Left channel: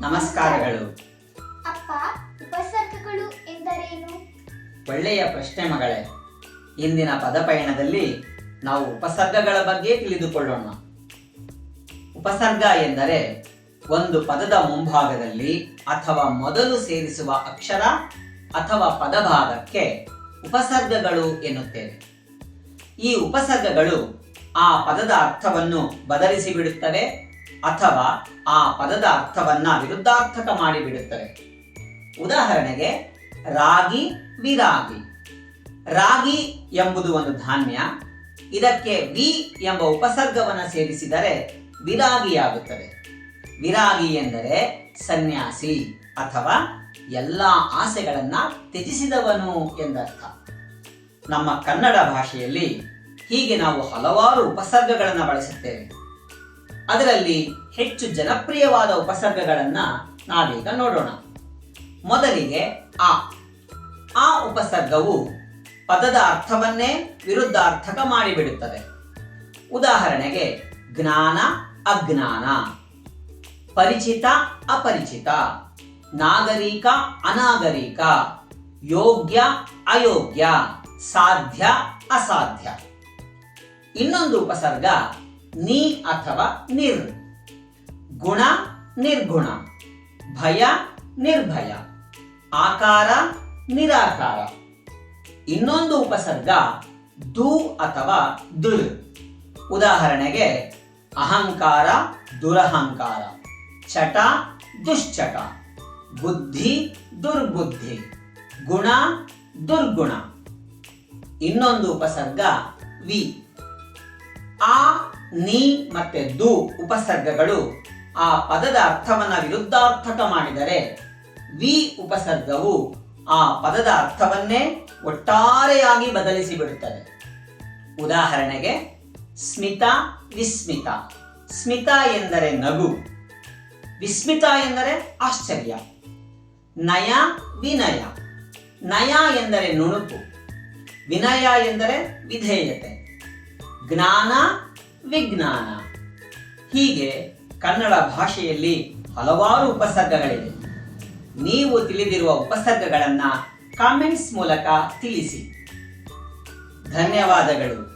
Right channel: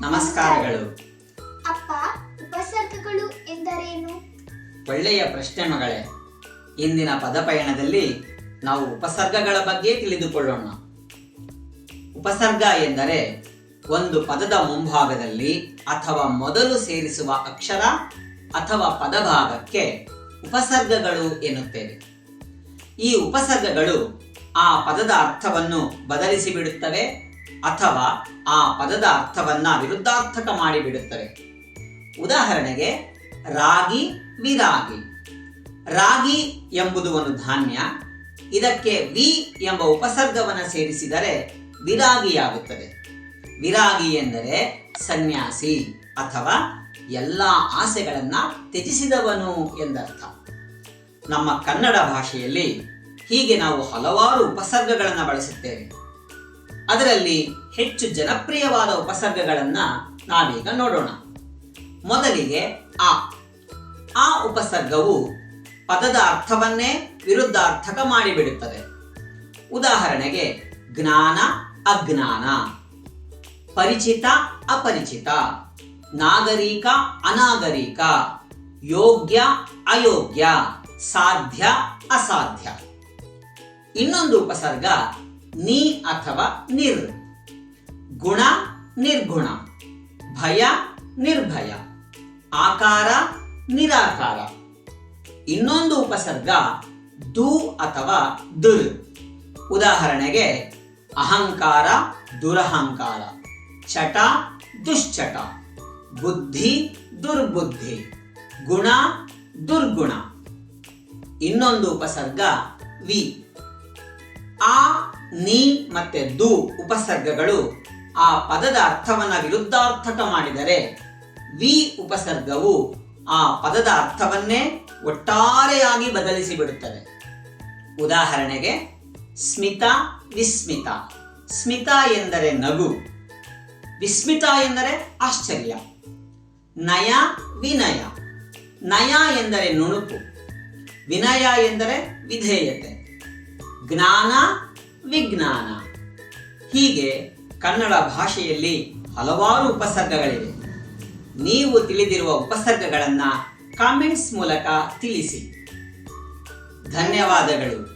ನಮಸ್ಕಾರಗಳು. ಅಪ್ಪ, ಉಪಸರ್ಗಗಳು ಎಂದರೇನು? ಒಳ್ಳೆಯ ಪ್ರಶ್ನೆ ಮಗಳೇ. ಇಂದಿನ ಪದಪಯಣದಲ್ಲಿ ನಾವು ಉಪಸರ್ಗಗಳ ಬಗ್ಗೆ ತಿಳಿದುಕೊಳ್ಳೋಣ. ಉಪಸರ್ಗ ಎಂದರೆ ಒಂದು ಪದದ ಮುಂಭಾಗದಲ್ಲಿ ಅಥವಾ ಮೊದಲು ಸೇರಿಸುವ ಅಕ್ಷರ ಅಥವಾ ಪದಭಾಗಕ್ಕೆ ಉಪಸರ್ಗಗಳು ಎನ್ನುತ್ತೇವೆ. ಈ ಉಪಸರ್ಗಗಳು ಆ ಪದದ ಅರ್ಥವನ್ನು ಬದಲಿಸಿ ಬಿಡುತ್ತವೆ ಅಥವಾ ಆ ಪದದ ಅರ್ಥವನ್ನ ವಿರುದ್ಧಾರ್ಥಕ ಮಾಡಿಬಿಡುತ್ತವೆ. ಉದಾಹರಣೆಗೆ ರಾಗಿ, ವಿರಾಗಿ. ರಾಗಿ ಎಂಬುದು ಒಂದು ಧಾನ್ಯ. ಇದಕ್ಕೆ ವಿ ಎಂಬ ಉಪಸರ್ಗವನ್ನು ಸೇರಿಸಿದರೆ ವಿರಾಗಿಯಾಗುತ್ತದೆ. ವಿರಾಗಿ ಎಂದರೆ ಸನ್ಯಾಸಿ ಅಥವಾ ಎಲ್ಲ ಆಸೆಗಳನ್ನ ತ್ಯಜಿಸಿದವನು ಎಂದರ್ಥ. ನಮ್ಮ ಕನ್ನಡ ಭಾಷೆಯಲ್ಲಿ ಹೀಗೆ ನಾವು ಹಲವಾರು ಉಪಸರ್ಗಗಳನ್ನು ಬಳಸುತ್ತೇವೆ. ಅದರಲ್ಲಿ ಹೆಚ್ಚು ಜನಪ್ರಿಯವಾದ ಉಪಸರ್ಗಗಳನ್ನು ನಾವೀಗ ನೋಡೋಣ. ಮೊದಲಿಗೆ ಆ ಉಪಸರ್ಗವು ಪದದ ಅರ್ಥವನ್ನೇ ವಿರುದ್ಧಾರ್ಥಕ ಮಾಡಿಬಿಡುತ್ತದೆ. ಉದಾಹರಣೆಗೆ ಜ್ಞಾನ, ಅಜ್ಞಾನ, ಪರಿಚಿತ, ಅಪರಿಚಿತ, ನಾಗರಿಕ, ಅನಾಗರಿಕ, ಯೋಗ್ಯ, ಅಯೋಗ್ಯ, ಸಾಧ್ಯ, ಅಸಾಧ್ಯ. ಇನ್ನೊಂದು ಉಪಸರ್ಗ ನಿ ಅಥವಾ ನಿರ್. ಗುಣ, ನಿರ್ಗುಣ, ಭಯ, ನಿರ್ಭಯ, ಆಕಾರ, ನಿರಾಕಾರ. ಇನ್ನೊಂದು ಉಪಸರ್ಗ ದು ಅಥವಾ ದುರ್. ಉದಾಹರಣೆಗೆ ಅಹಂಕಾರ, ದುರಹಂಕಾರ, ಚಟ, ದುಶ್ಚಟ, ಬುದ್ಧಿ, ದುರ್ಬುದ್ಧಿ, ಗುಣ, ದುರ್ಗುಣ. ಇನ್ನೊಂದು ಉಪಸರ್ಗ ವಿ. ಆ, ನಿ ಮತ್ತೆ ದು ಉಪಸರ್ಗಗಳು ಆ ಪದದ ಅರ್ಥವನ್ನ ವಿರುದ್ಧಾರ್ಥಕ ಮಾಡಿದರೆ ವಿ ಉಪಸರ್ಗವು ಆ ಪದದ ಅರ್ಥವನ್ನೇ ಒಟ್ಟಾರೆಯಾಗಿ ಬದಲಿಸಿ ಬಿಡುತ್ತದೆ. ಉದಾಹರಣೆಗೆ ಸ್ಮಿತ, ವಿಸ್ಮಿತ. ಸ್ಮಿತ ಎಂದರೆ ನಗು, ವಿಸ್ಮಿತ ಎಂದರೆ ಆಶ್ಚರ್ಯ. ನಯ, ವಿನಯ. ನಯ ಎಂದರೆ ನುಣುಪು, ವಿನಯ ಎಂದರೆ ವಿಧೇಯತೆ. ಜ್ಞಾನ, ವಿಜ್ಞಾನ. ಹೀಗೆ ಕನ್ನಡ ಭಾಷೆಯಲ್ಲಿ ಹಲವಾರು ಉಪಸರ್ಗಗಳಿವೆ. ನೀವು ತಿಳಿದಿರುವ ಉಪಸರ್ಗಗಳನ್ನು ಕಾಮೆಂಟ್ಸ್ ಮೂಲಕ ತಿಳಿಸಿ. ಧನ್ಯವಾದಗಳು.